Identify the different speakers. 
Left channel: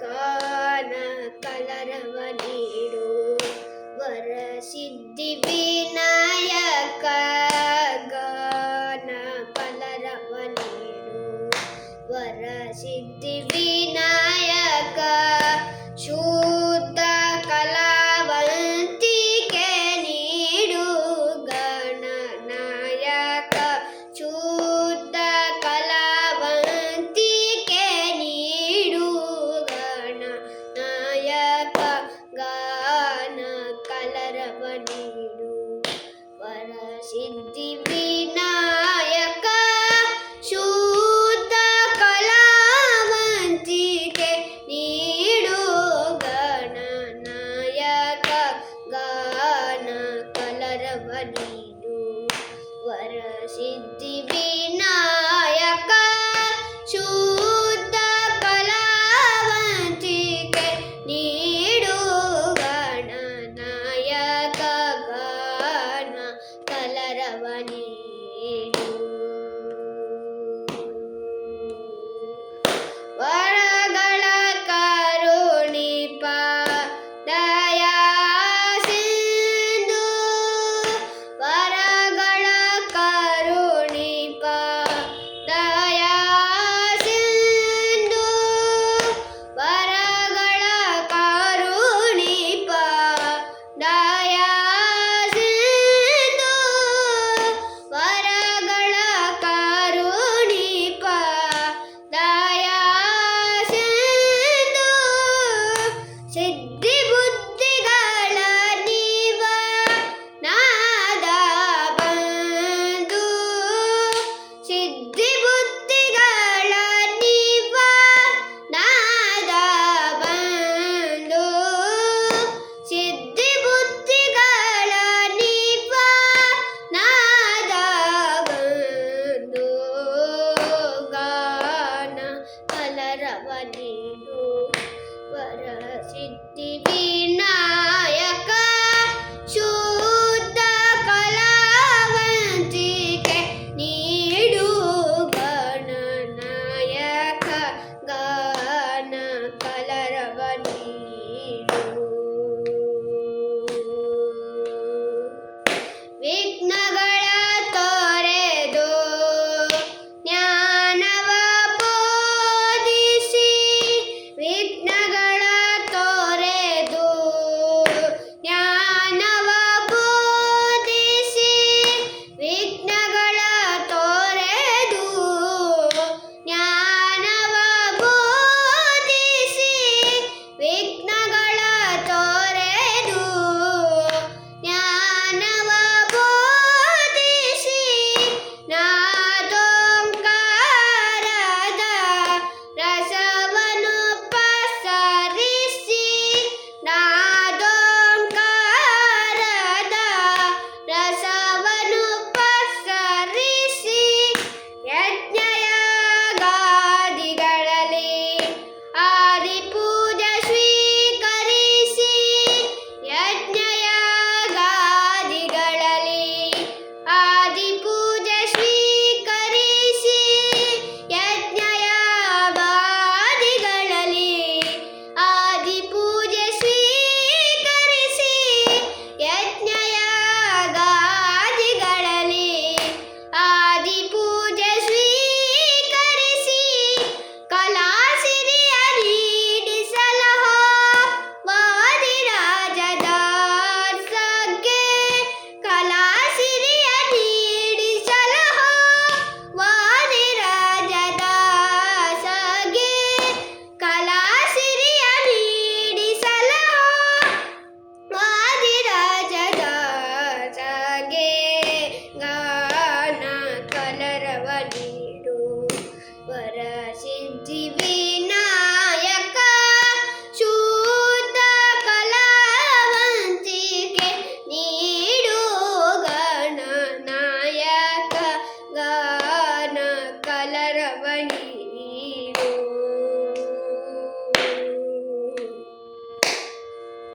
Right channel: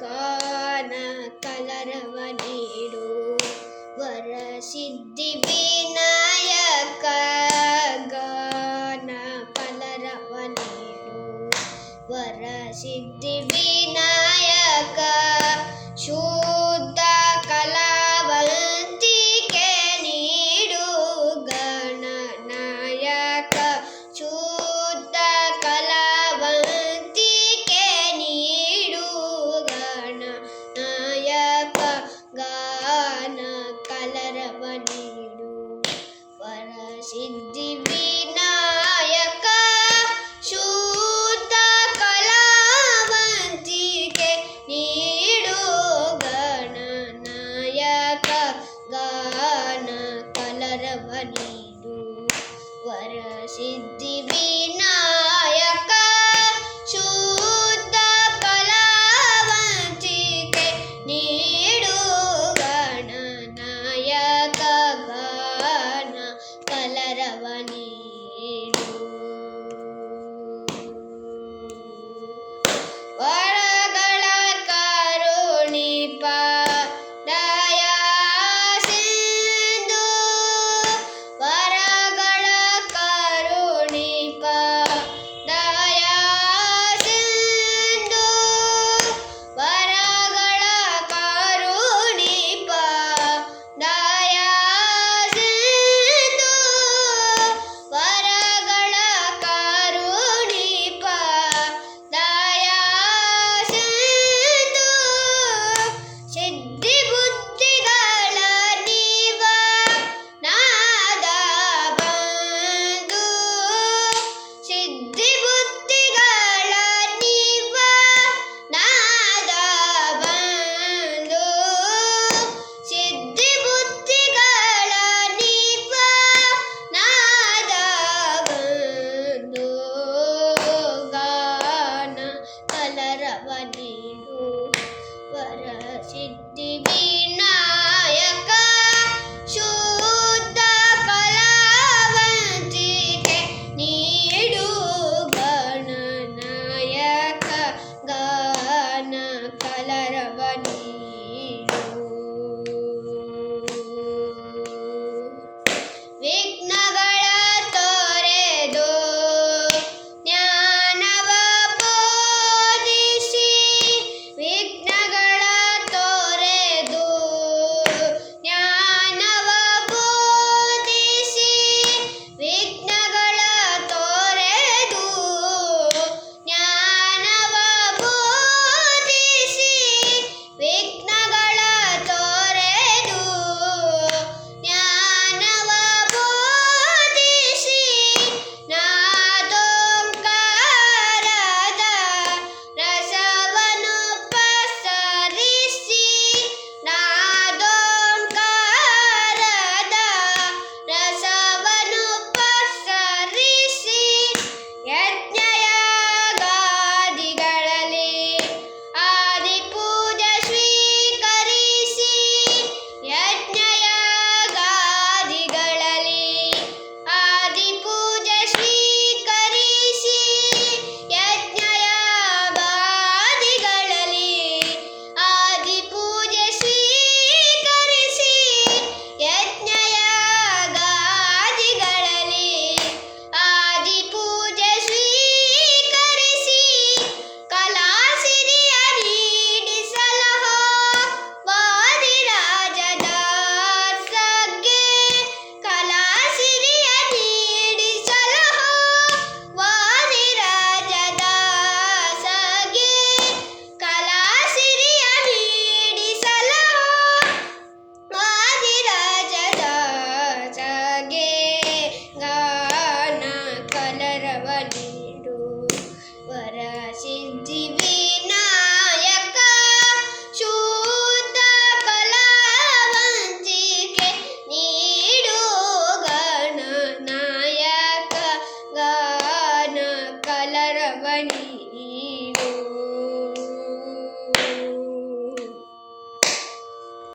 Speaker 1: కాన కలరవ నీడు వరసిద్ధి వీణ ನೀಡು ವರಸಿದ್ಧಿ ವಿನಾಯಕ ಶೂತ ಕಲಾವಂತಿಗೆ ನೀಡು. ಗಣನಾಯಕ ಗಾನ ಕಲರವ ನೀಡು. ವರಸಿದ್ಧಿ ಸಿದ್ಧಿ ವೀಣಾ Bye.